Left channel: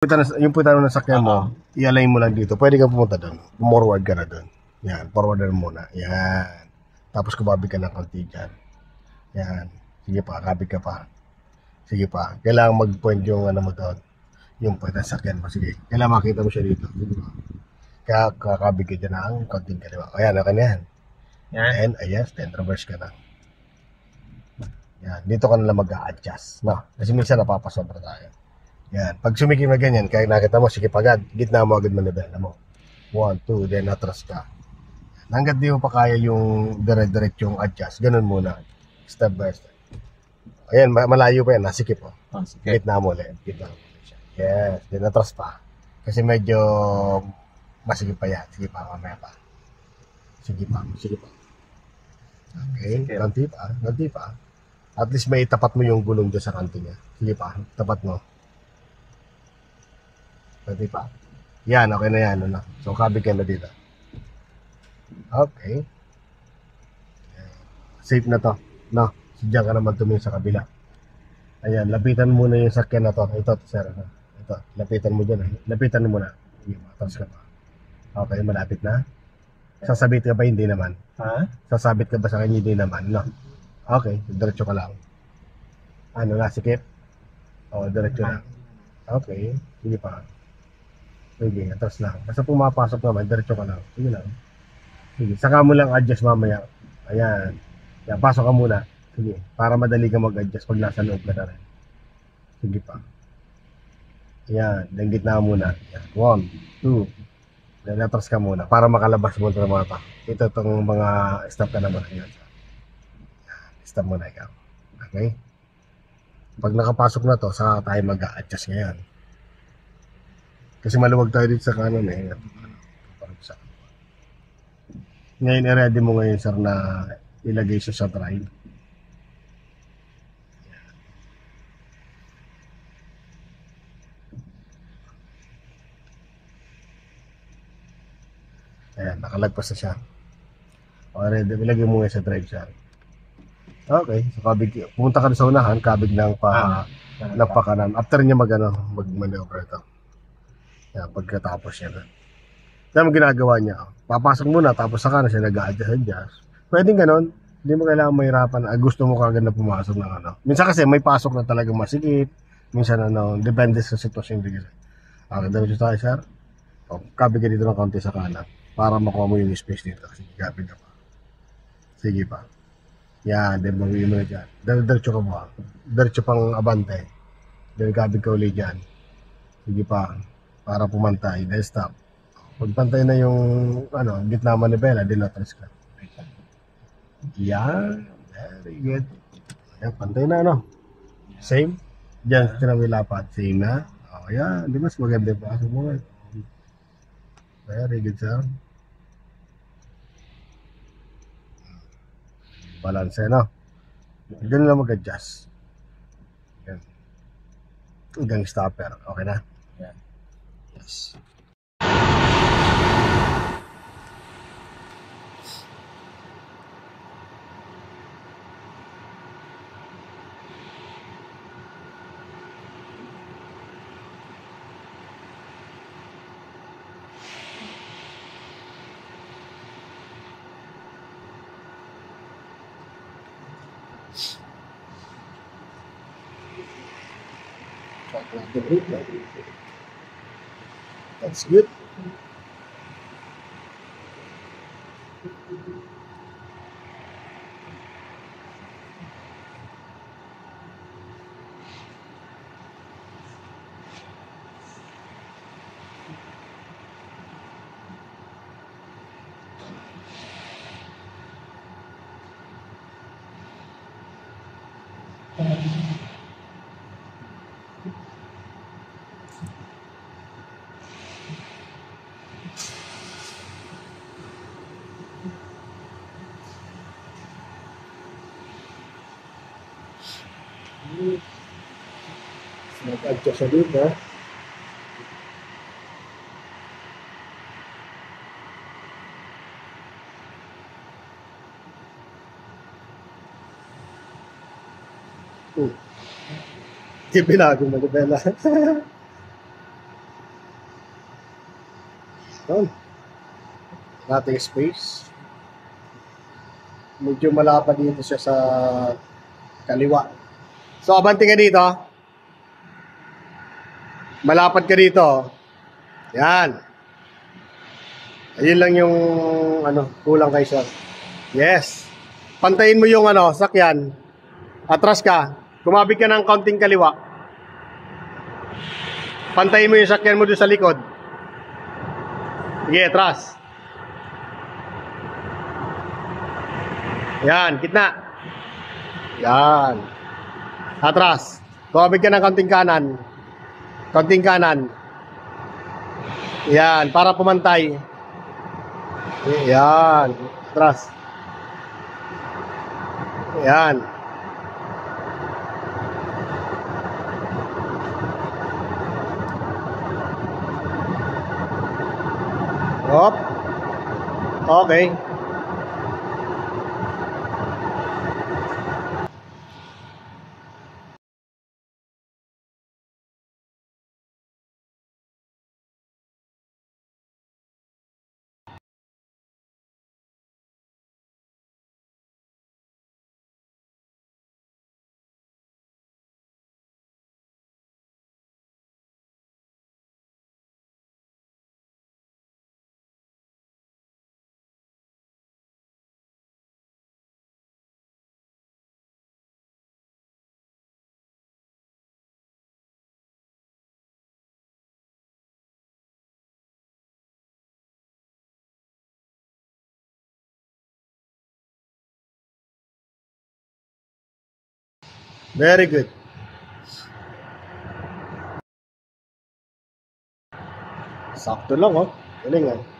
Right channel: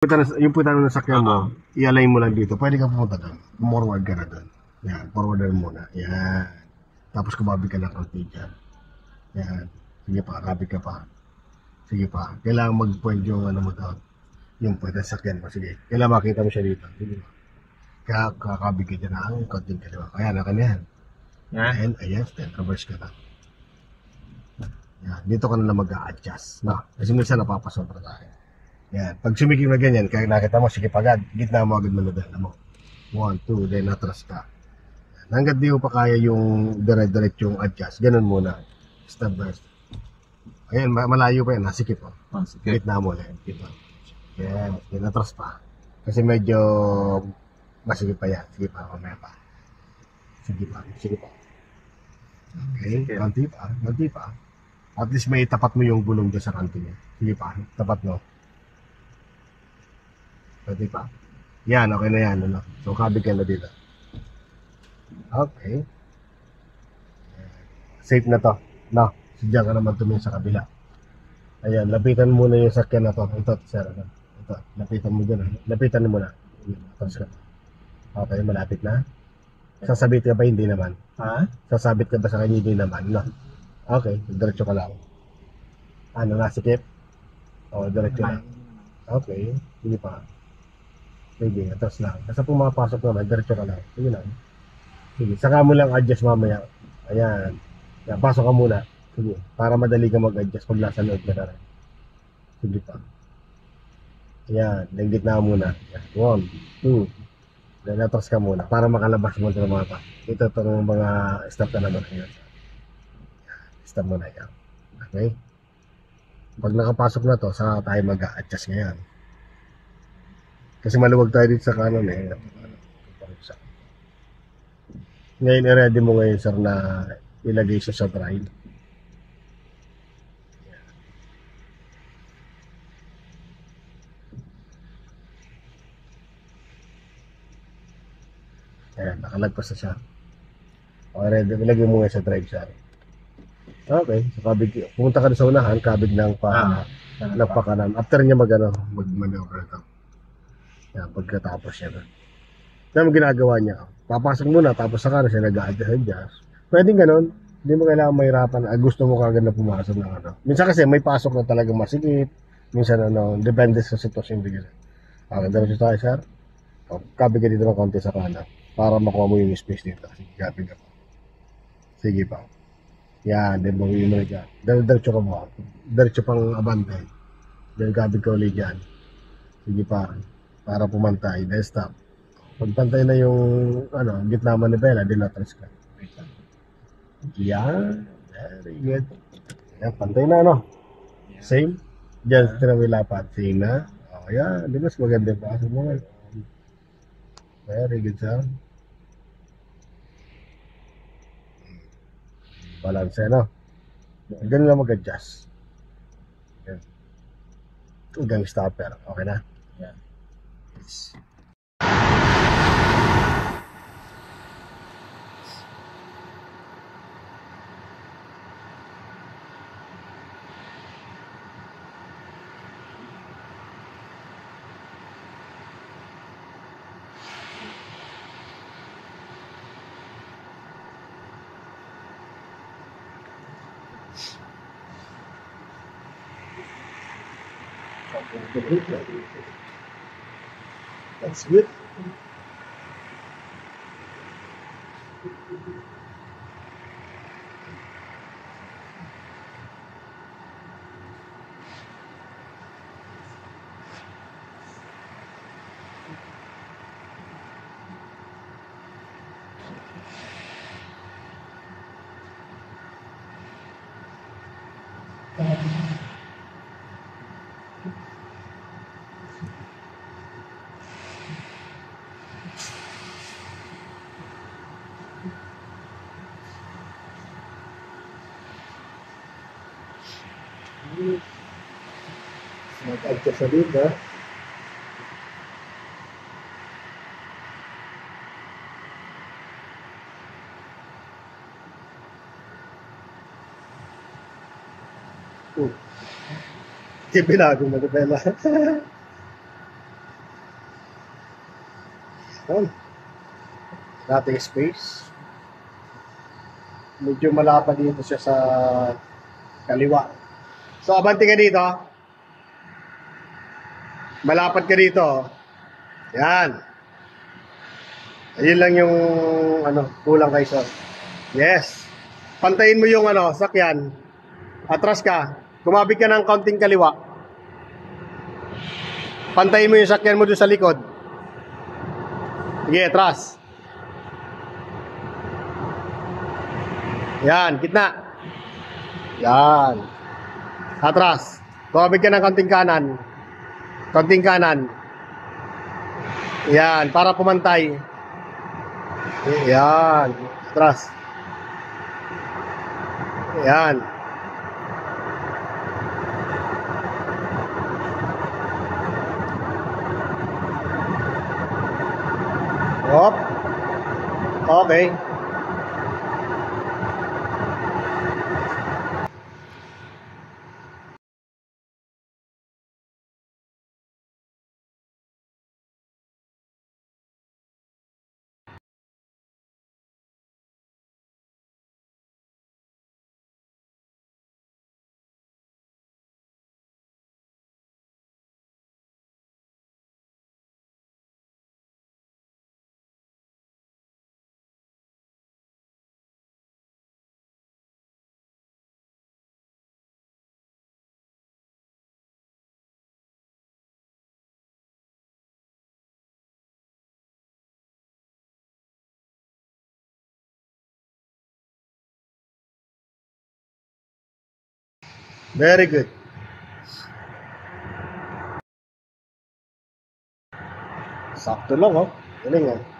Yung punta na nasakyan mo, i-align mo lang dito. Pwede ka pumunta doon. Forward ka na doon. Yan, forward na muna. Yan. Tapos kumabi ka ng kaunti dyan. Yan. Sige pa, kabig ka pa. Sige pa. Kailangan mag-point yung ano mo doon. Yung point ng sakyan mo. Sige. Kailangan makita mo siya dito. Sige pa. Kaya kakabig ka dyan ang kaunting kaliwa. Ayan, akan yan. Yan. And, ayas. Then, reverse ka na. Yan. Dito ka na lang mag-a-adjust. No? Kasi minsan napapasobra tayo. Yan. Pag sumikip na ganyan, kaya nakita mo, sige agad, gitna mo agad manibela mo. 1, 2, then atras ka. Hanggat di mo pa kaya yung dire-diretso yung adjust, ganun muna. Step by step. Ayan, malayo pa yan, nasikip mo. Sige. Gitna mo ulit. Gitna mo. Yes, then atras pa. Kasi medyo masikip pa yan. Sige pa, mamaya pa. Sige pa, sige pa. Okay, ganti pa, ganti pa. At least may tapat mo yung gulong dyan sa kanto niya. Sige pa, tapat mo. Pwede pa. Yan, okay na yan. Ano? So, kabig ka na dito. Okay. Safe na to. No, sadya ka naman tumingin sa kabila. Ayan, lapitan mo na yung sakyan na to. Ito, sir. Ito, lapitan mo dyan. Lapitan mo na. Tapos ka pa. Okay, malapit na. Sasabit ka ba? Hindi naman. Ha? Sasabit ka ba sa kanya? Hindi naman. No. Okay, diretso ka lang. Ano, nasikip? O, diretso lang. Okay, sige pa. Sige, atras lang. Basta pumapasok naman, diretso ka lang. Sige lang. Sige, saka mo lang adjust mamaya. Ayan. Yan, pasok ka muna. Sige, para madali ka mag-adjust pag nasa loob na rin. Sige pa. Ayan, then gitna muna. 1, 2. Then atras ka muna para makalabas mo ng mga tao. Ito itong mga stop na naman kayo. Stop muna ikaw. Okay? Pag nakapasok na to, saka tayo mag-adjust ngayon. Kasi maluwag tayo dito sa kanan eh. Ngayon, i-ready mo ngayon sir na ilagay siya sa drive. Ayan, nakalagpas na siya. O, ready, ilagay mo ngayon sa drive siya. Okay, so kabig, pumunta ka na sa unahan, kabig ng pakanan. After niya mag-maneuver ito. Yan, pagkatapos siya na. Yan ang ginagawa niya. Papasok muna, tapos saka na siya nag-adjust. Pwedeng ganon. Hindi mo kailangan mahirapan. Gusto mo kagad na pumasok ng ano. Minsan kasi may pasok na talaga masikip. Minsan ano, depende sa sitwasyon. Okay, diretso tayo, sir. O, kabig ka dito ng konti sa kanan. Para makuha mo yung space dito. Sige, kabig ka pa. Sige pa. Yan, then buhin mo na dyan. Diretso ka mo. Diretso pang abante. Then kabig ka ulit dyan. Sige pa. Para pumantay, then stop. Pag pantay na yung ano, gitna manibela, dilatras ka. Yan, very good. Yan, pantay na ano. Same. Diyan, tinamilapat. Same na. O yan, di ba mas maganda pa ako mo eh. Very good sir. Balance no. Ganun lang mag-adjust. Hanggang stopper. Okay na? Yeah. Yes. That's good. Nag-adjust siya dito. Hindi pinagong mag-bela. Yun. Nating space. Medyo malapad dito siya sa kaliwa. So, abante ka dito. Malapad ka dito. Yan. Ayun lang yung kulang kay sir. Yes. Pantayin mo yung sakyan. Atras ka. Kumabig ka ng kaunting kaliwa. Pantayin mo yung sakyan mo doon sa likod. Sige, atras. Yan, gitna. Yan. Atras. Kumabig ka ng kaunting kanan. Kaunting kanan. Yan, para pumantay. Yan. Atras. Yan. Hop. Okay. Very good. Sakto lang, oh. Galing, ah.